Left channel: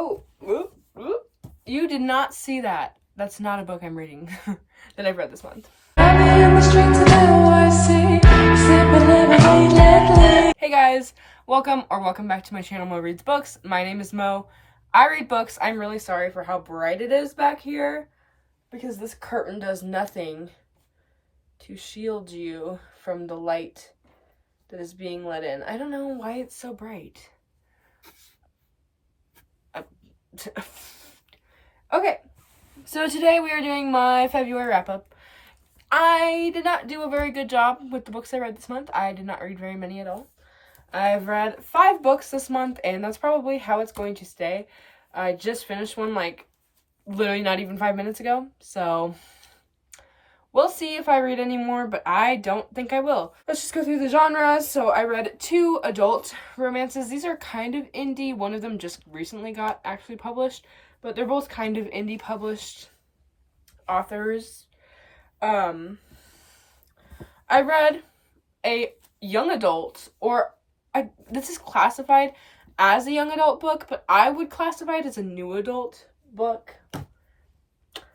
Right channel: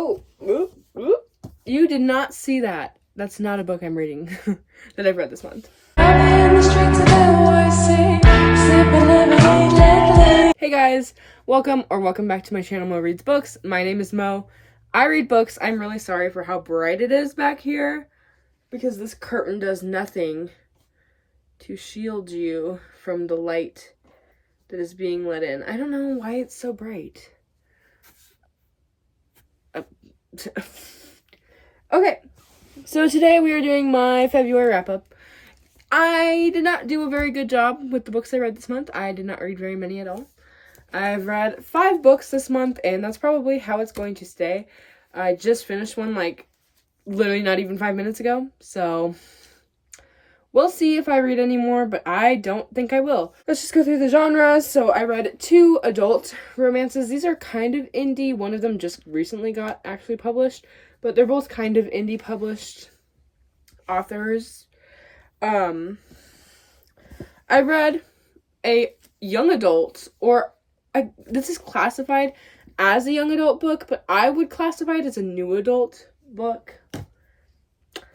Oh, whoop, whoop. You did not see that. That's not a book I'm reading that I've read this month. Hey guys, welcome back to my channel, Mo Reads Books. My name is Mo. I read books. I'm really sorry for how bright it is back here because this curtain does nothing to shield you from the light that is being let in. I don't know why it's so bright. Okay, so today we are doing my February wrap-up. I did not do a very good job with the books I read this month. I did not read very many at all. I've read 5 books this month, and that's probably how it's going to stay. I just finished one, like, literally not even 5 minutes ago, so we'll see if I read any more, but I don't think I will. Let's just go through the genres. So I read 2 adult romances. These are kind of indie. One of them just recently got actually published, but they're both kind of indie published authors. I read a young adult, this is classified as a young adult book, but I would classify it as a new adult book.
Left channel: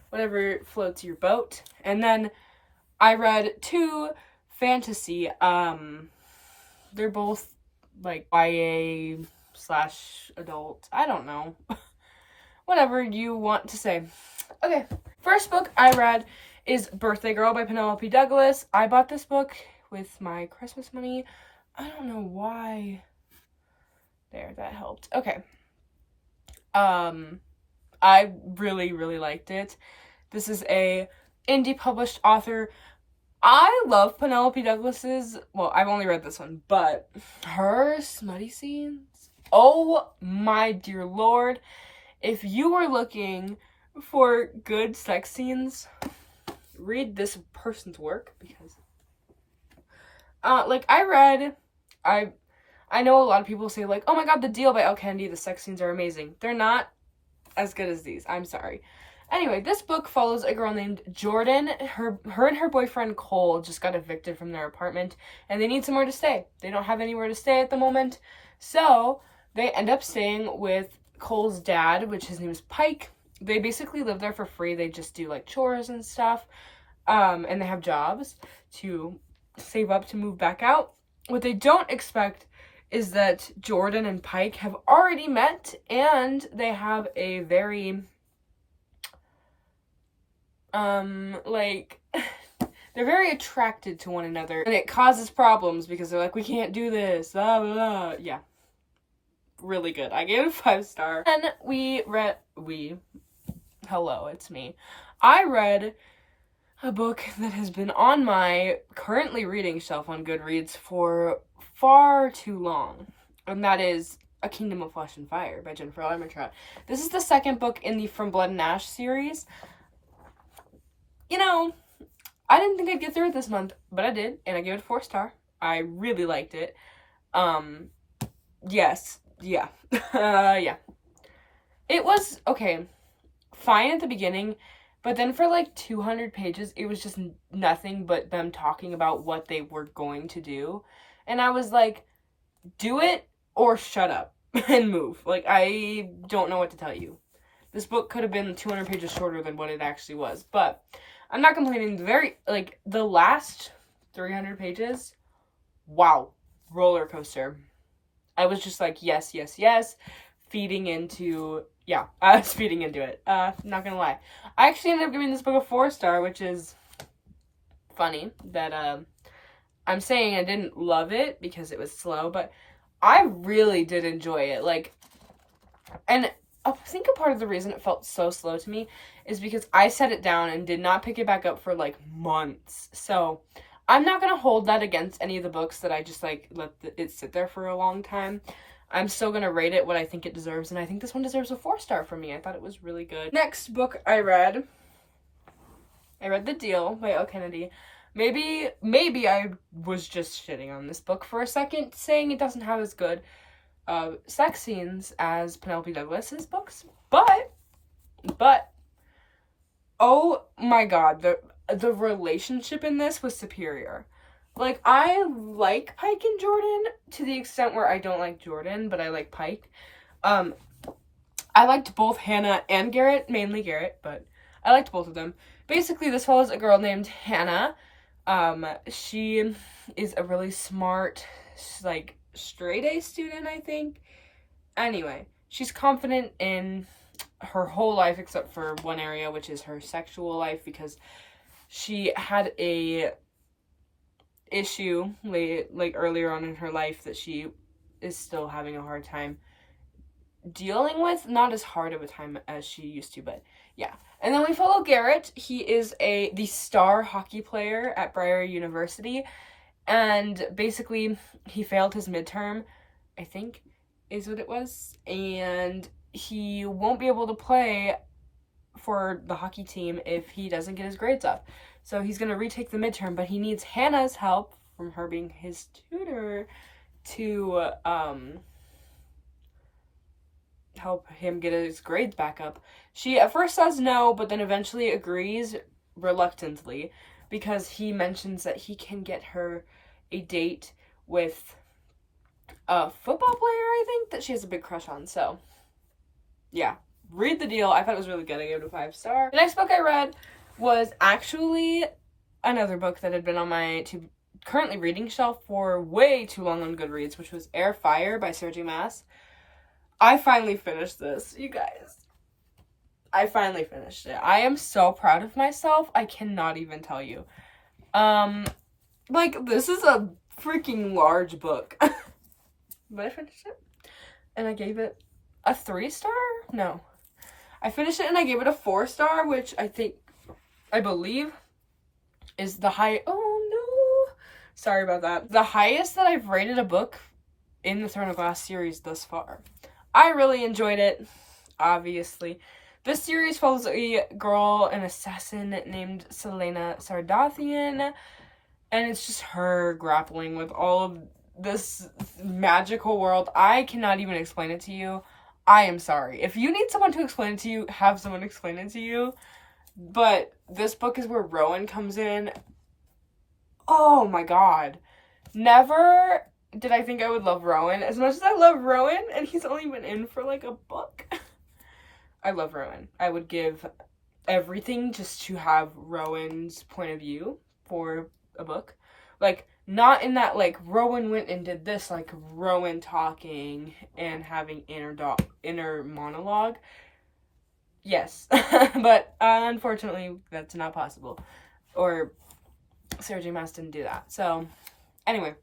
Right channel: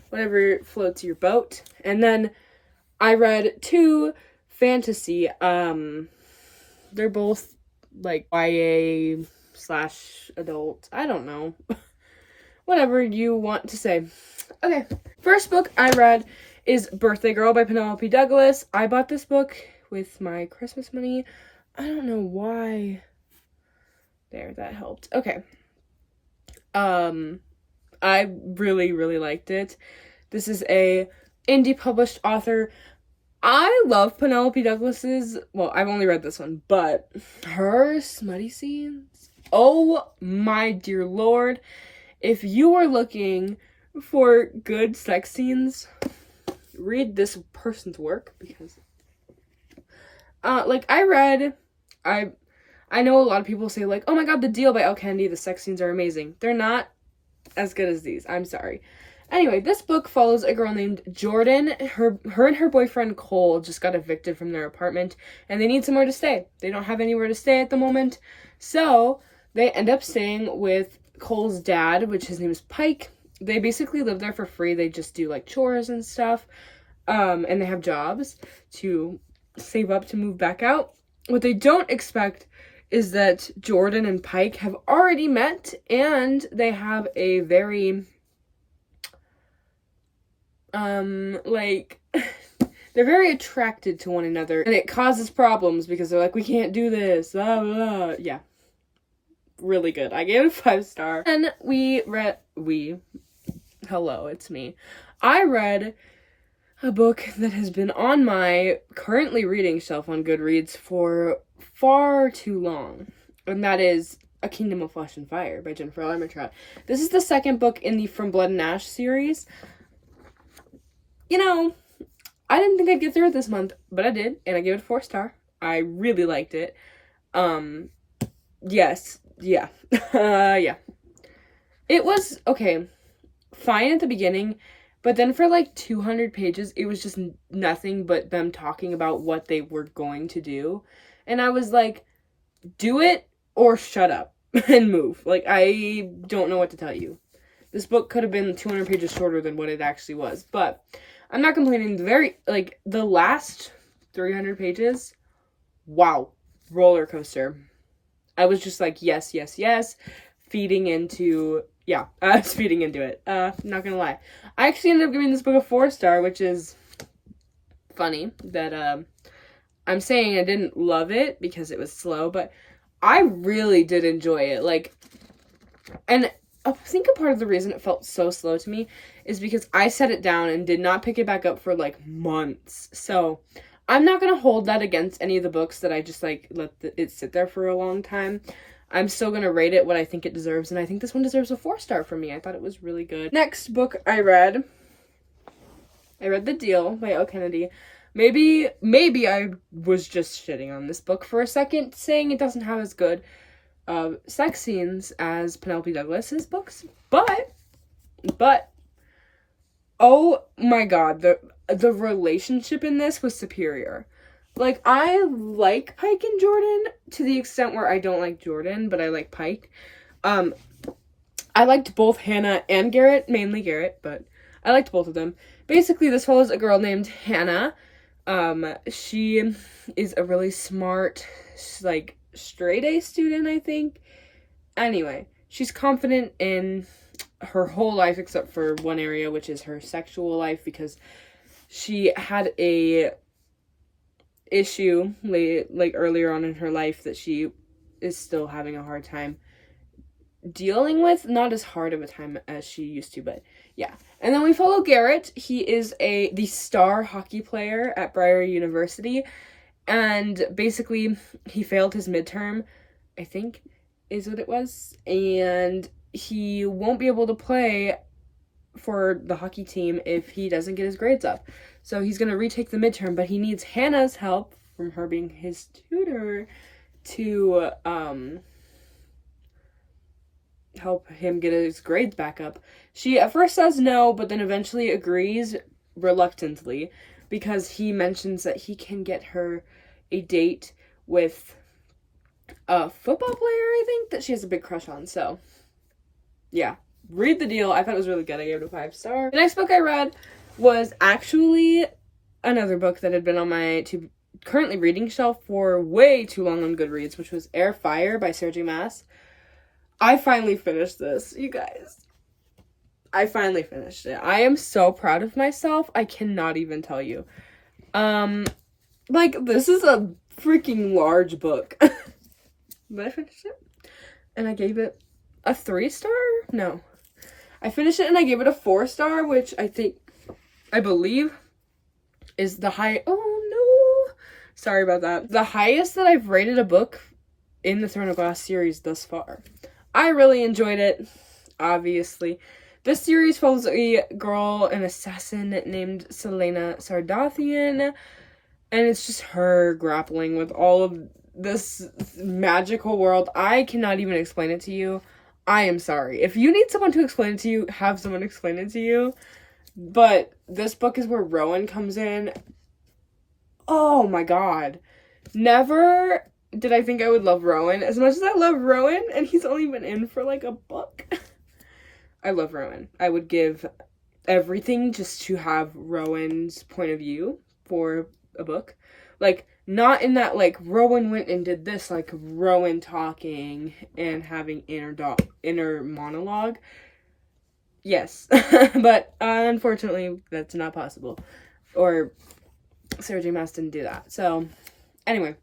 Whatever floats your boat. And then I read 2 fantasy. They're both like YA/adult. I don't know. Whatever you want to say. Okay. First book I read is Birthday Girl by Penelope Douglas. I bought this book with my Christmas money. I don't know why. There, that helped. Okay. I really, really liked it. This is a indie published author. I love Penelope Douglas's, well, I've only read this one, but her smutty scenes, oh my dear lord. If you were looking for good sex scenes, read this person's work, because I know a lot of people say, like, oh my god, The Deal by Elle Kennedy, the sex scenes are amazing. They're not as good as these. I'm sorry. Anyway, this book follows a girl named Jordan. Her and her boyfriend Cole just got evicted from their apartment, and they need somewhere to stay. They don't have anywhere to stay at the moment, so they end up staying with Cole's dad, which his name is Pike. They basically live there for free. They just do, like, chores and stuff, and they have jobs to save up to move back out. What they don't expect is that Jordan and Pike have already met, and they have a very, they're very attracted to one another, and it causes problems because they're like, we can't do this, blah, blah, blah. Yeah. Really good. I gave it a 5-star. And hello, it's me. I read a book that has been on my currently reading shelf on Goodreads for far too long, and that is A Kingdom of Flesh and Fire by Jennifer Armentrout. This is the second book in the From Blood and Ash series. You know, I didn't think I'd get through it this month, but I did, and I gave it a 4-star. I really liked it. Yes, yeah. Yeah. It was, okay, fine at the beginning, but then for like 200 pages, it was just nothing but them talking about what they were going to do. And I was like, do it or shut up and move. Like, I don't know what to tell you. This book could have been 200 pages shorter than what it actually was. But I'm not complaining. The last 300 pages, wow, roller coaster. I was just like, yes, yes, yes. Feeding into it. Not gonna lie. I actually ended up giving this book a 4-star, which is funny that I'm saying I didn't love it because it was slow, but I really did enjoy it. Like, and I think a part of the reason it felt so slow to me is because I set it down and did not pick it back up for like months. So I'm not gonna hold that against any of the books that I just like let it sit there for a long time. I'm still going to rate it what I think it deserves, and I think this one deserves a 4-star from me. I thought it was really good. Next book I read The Deal by Elle Kennedy. Maybe I was just shitting on this book for a second, saying it doesn't have as good sex scenes as Penelope Douglas's books, but oh my god, the relationship in this was superior. Like, I like Pike and Jordan to the extent where I don't like Jordan, but I like Pike. I liked both Hannah and Garrett, mainly Garrett, but I liked both of them. Basically, this follows a girl named Hannah. She is a really smart, like, straight A student, I think. Anyway, she's confident in her whole life except for one area, which is her sexual life, because she had a issue like earlier on in her life that she is still having a hard time dealing with. Not as hard of a time as she used to, but yeah. And then we follow Garrett. He is the star hockey player at Briar University, and basically he failed his midterm, I think is what it was, and he won't be able to play for the hockey team if he doesn't get his grades up. So he's going to retake the midterm, but he needs Hannah's help from her being his tutor to help him get his grades back up. She at first says no, but then eventually agrees reluctantly because he mentions that he can get her a date with a football player, I think, that she has a big crush on. So, yeah. Read the deal. I thought it was really good. I gave it a 5-star. The next book I read was actually another book that had been on my currently reading shelf for way too long on Goodreads, which was Air Fire by Sarah J. Maas. I finally finished this, you guys. I finally finished it. I am so proud of myself. I cannot even tell you. Like, this is a freaking large book. But I finished it. And I gave it a 3-star? No. I finished it and I gave it a 4-star, which I believe is the high. Oh no. Sorry about that. The highest that I've rated a book in the Throne of Glass series thus far. I really enjoyed it, obviously. This series follows a girl, an assassin named Selena Sardathian, and it's just her grappling with all of this magical world. I cannot even explain it to you. I am sorry. If you need someone to explain it to you, have someone explain it to you. But this book is where Rowan comes in. Oh my god. Never did I think I would love Rowan as much as I love Rowan, and he's only been in for like a book. I love Rowan. I would give everything just to have Rowan's point of view for a book. Like, not in that, like, Rowan went and did this, like, Rowan talking and having inner monologue. Yes. But, unfortunately, that's not possible. Or, Sarah J. Maas didn't do that. So, anyway,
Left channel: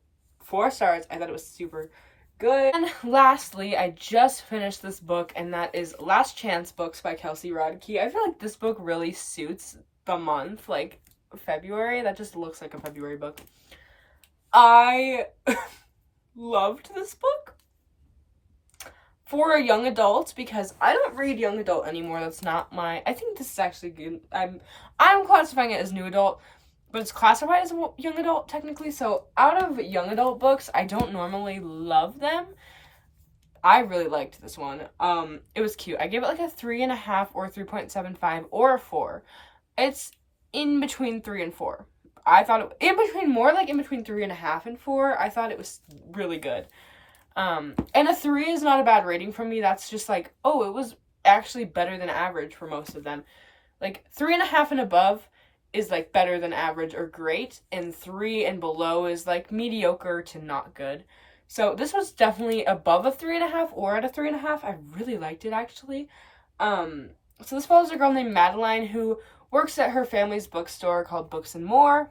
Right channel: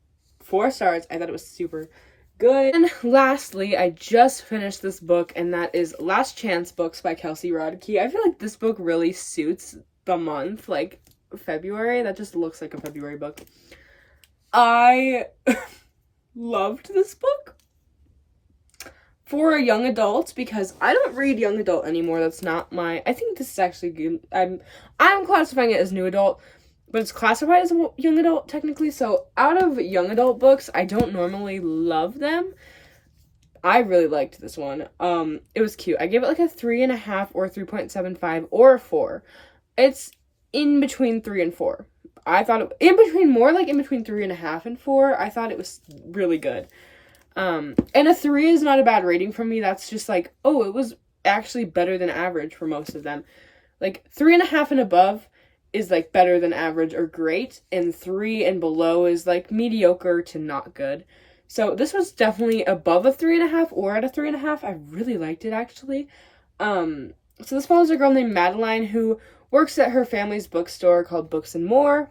4 stars. I thought it was super good. And lastly, I just finished this book, and that is Last Chance Books by Kelsey Rodkey. I feel like this book really suits the month, like, February. That just looks like a February book. I loved this book for a young adult because I don't read young adult anymore. That's not my. I think this is actually good. I'm classifying it as new adult, but it's classified as young adult technically. So out of young adult books, I don't normally love them. I really liked this one. It was cute. I gave it like a 3.5 or 3.75 or a 4. It's in between 3 and 4. I thought it in between 3.5 and 4. I thought it was really good. And a 3 is not a bad rating from me. That's just like, oh, it was actually better than average for most of them. Like 3.5 and above is like better than average or great, and 3 and below is like mediocre to not good. So this was definitely above a 3.5 or at a 3.5. I really liked it actually. So this follows a girl named Madeline who works at her family's bookstore called Books and More.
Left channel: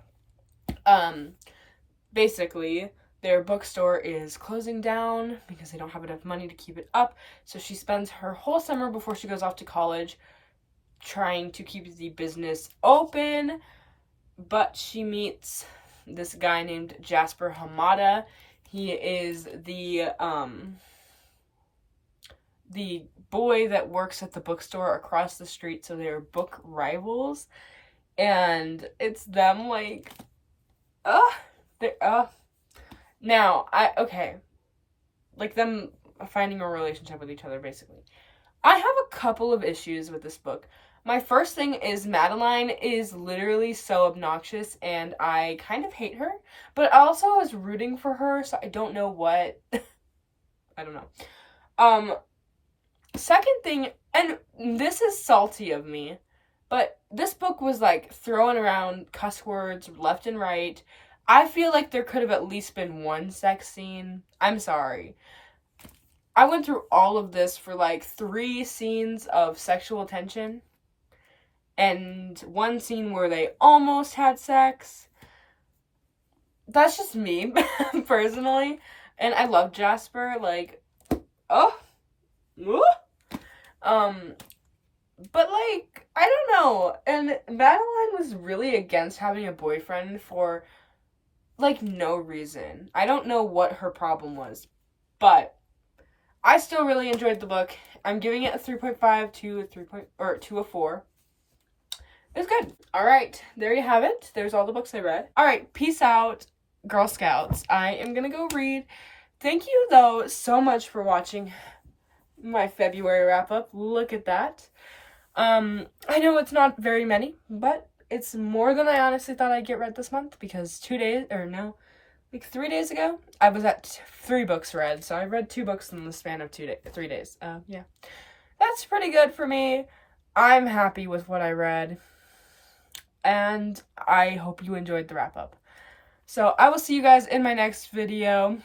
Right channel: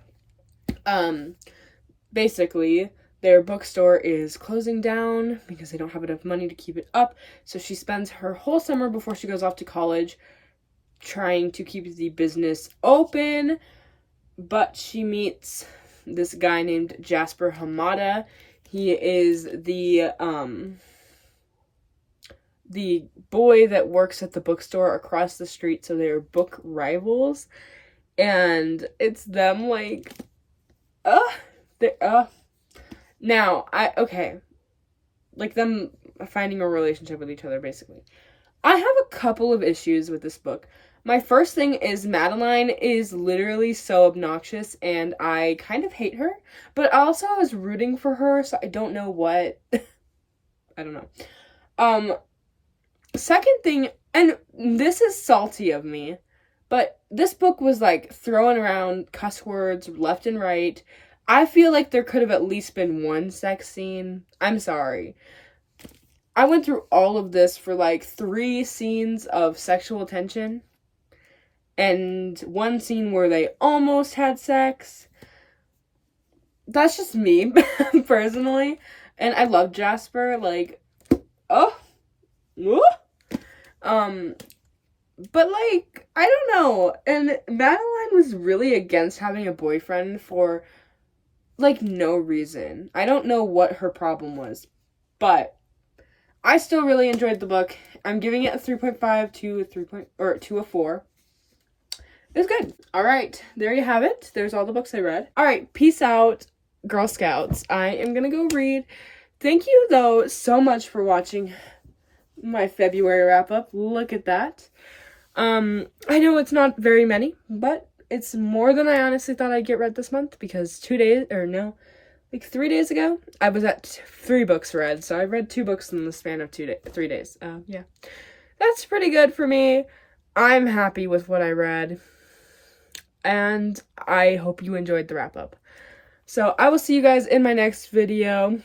Basically, their bookstore is closing down because they don't have enough money to keep it up. So she spends her whole summer before she goes off to college trying to keep the business open. But she meets this guy named Jasper Hamada. He is the boy that works at the bookstore across the street, so they're book rivals. And it's them like now, like them finding a relationship with each other, basically. I have a couple of issues with this book. My first thing is Madeline is literally so obnoxious, and I kind of hate her, but also I was rooting for her, so I don't know what. I don't know. second thing, and this is salty of me, but this book was like throwing around cuss words left and right. I feel like there could have at least been one sex scene. I'm sorry. I went through all of this for like 3 scenes of sexual tension and 1 scene where they almost had sex. That's just me, personally. And I love Jasper, like, oh, but like, I don't know. And Madeline was really against having a boyfriend for like no reason. I don't know what her problem was, but I still really enjoyed the book. I'm giving it a 3.5 to a 4. It was good. All right, there you have it. There's all the books I read. All right, peace out, Girl Scouts. I am gonna go read. Thank you, though, so much for watching my February wrap-up. Look at that. I know it's not very many, but it's more than I honestly thought I'd get read this month, because 3 days ago, I was at 3 books read, so I read 2 books in the span of 3 days. Yeah. That's pretty good for me. I'm happy with what I read, and I hope you enjoyed the wrap-up. So I will see you guys in my next video.